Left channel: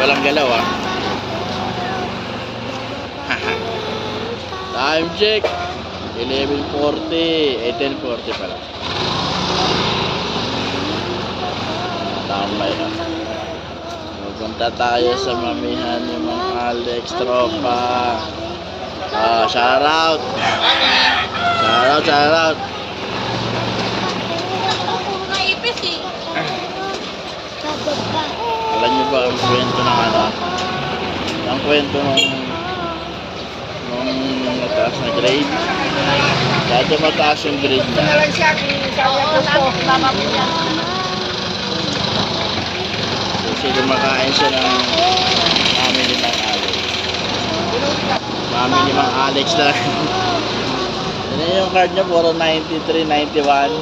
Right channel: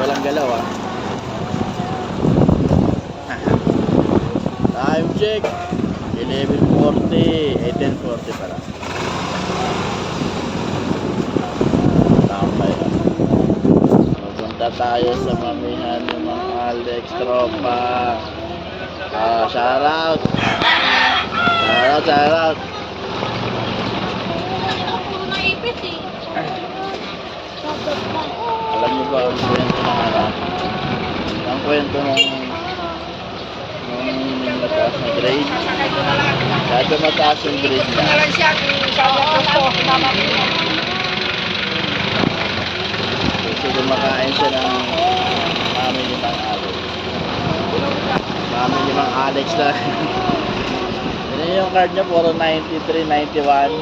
Walang galaw ah. Time check 11:40. 10:40 pala. Tambay ka. Pupunta tayo sa mamihan ni Mang Alex tropa. Shout out. Shout out. Alam niyo ba ang kwento ng ano? Ang kwento nung mataas na grade? Kaya mataas yung grade niya. Kasi dumakain siya ng mami ni Mang Alex. Mami ni Mang Alex na. Yan yung card niya, puro 93, 91.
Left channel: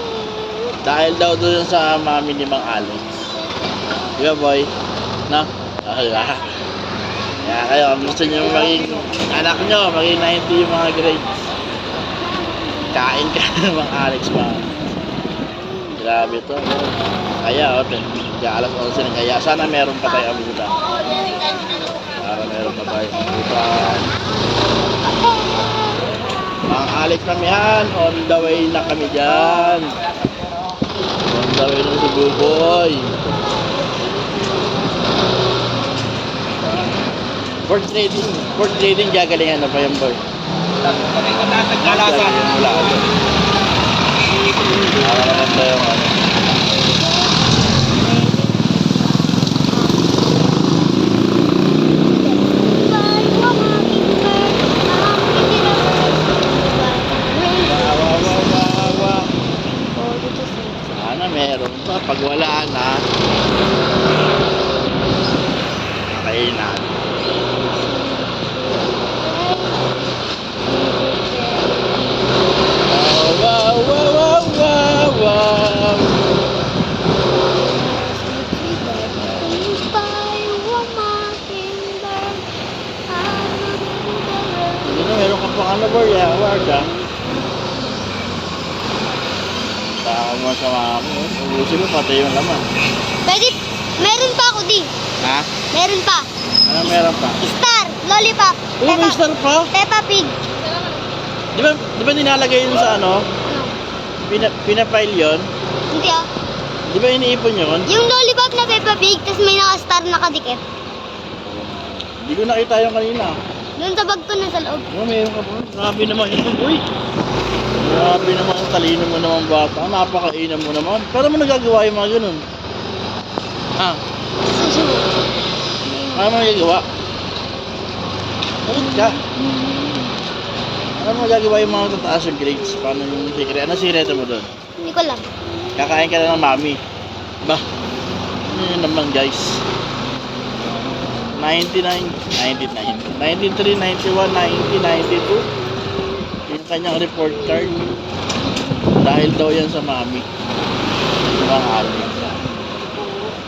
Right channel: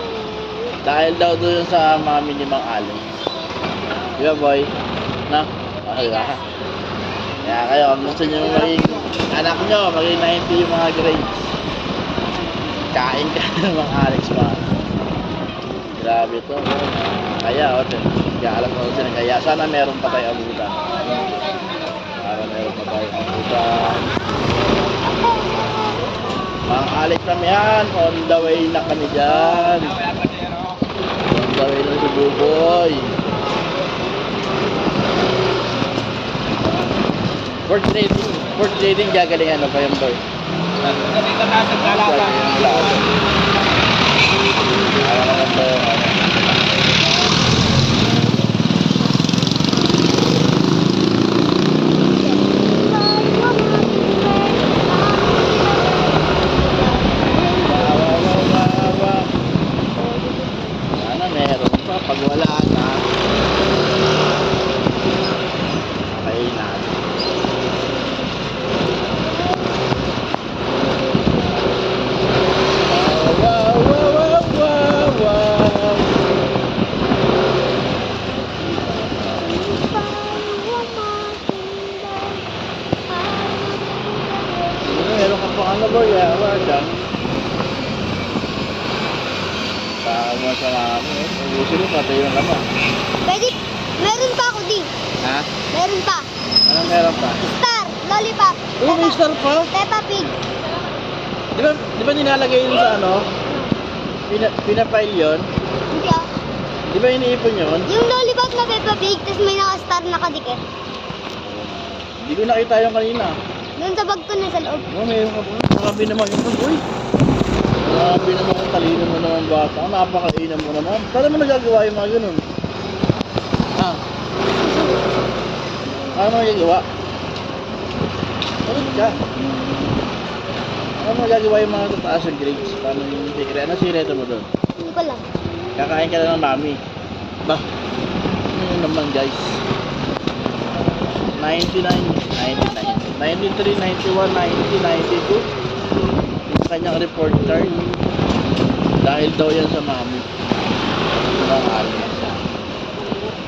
Dahil daw doon sa mami ni Mang Alex. Di ba boy? No? Diba? Kaya kayo, kung gusto nyo maging anak nyo, maging 90 yung mga grades, kain ka ng Mang Alex pa. Grabe to. Kaya, kaya alas 11 na kaya. Sana meron pa tayo abutan. Para meron pa tayo abutan. Mang Alex kami yan. On the way na kami dyan. On the way na si Buboy. Port trading gagalingan na pa yung bird. Kanina na sa kalasan. Wala. Para maganda yung ano. Wawa. Sana meron pa. Pag wala na, pakain natin. Meron ka pang ano boy, award ah. Baka mo sa mami, ubusin mo pati yung laman. Pwede, meron pa ako di. Ha? Meron pa. Ano meron pa? Star, lollipop. Uy, may star pa? Peppa Pig. Di ba nilalagay yun sa ano? Pinapile yun? Hindi ah. Di ba iniipon yun? Yung lollipop na Peppa Pig, tapos may naka-star nakadikit. Hindi ko nakita yung kanina. Doon sa bag ko na sa loob. Oh, meron ka pa. Grabe naman ito, boy. Grabe naman ang talino mo naman bata. Napakainan mo naman. Paano mo nagagawa yung mga ganun? Ha? Paano mo nagagawa? Ulit ka. Paano mo nagagawa yung mga tataas yung grades? Paano yung secret? Ano secret mo doon? Hindi ko alam. Kakain ka na ng mami. Ba? Ano yun naman guys? 99, 99, 93, 91, 90, 92. Yung kanyang report card. Dahil daw yan sa mami. Mga Alex.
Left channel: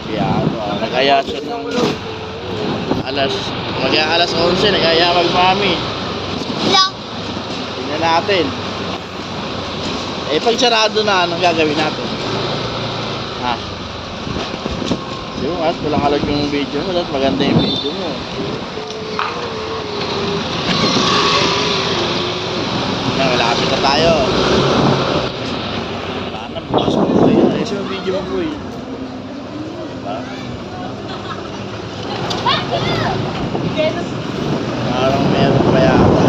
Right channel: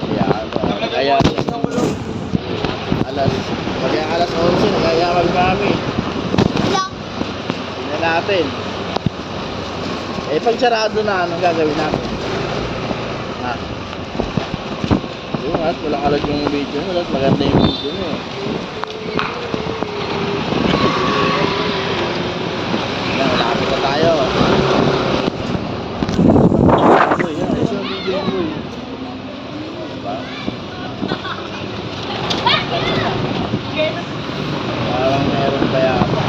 Kaya ano, nagaya siya ng alas 11, nagaya mag-mami. Lang. Tingnan natin. Eh pag sarado na, anong gagawin natin? Ha? Yung at walang alag yung video mo, at maganda yung video mo. Yan, malapit na tayo. Ayan, ayos yung video mo eh. Diba? Parang meron pa yata.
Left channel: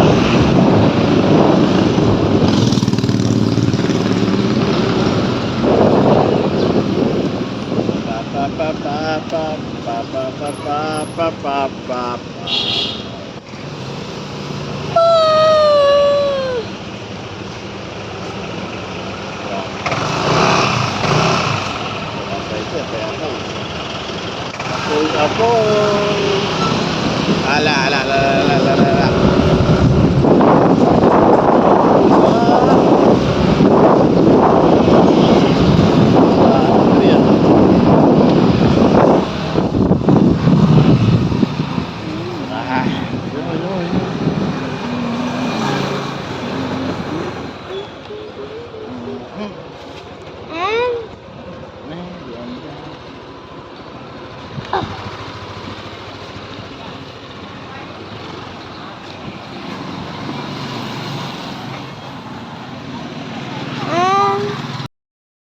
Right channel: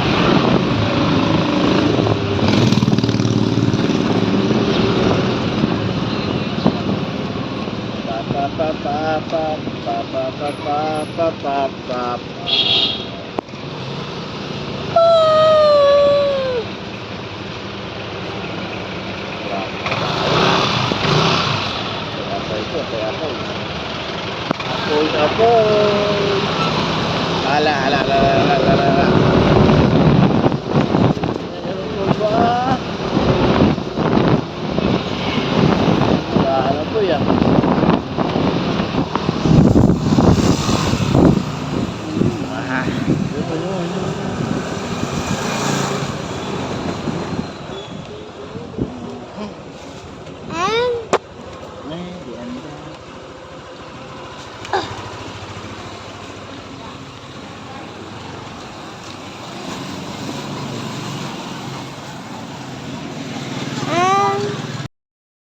Apoy. Ala. Ano po yan?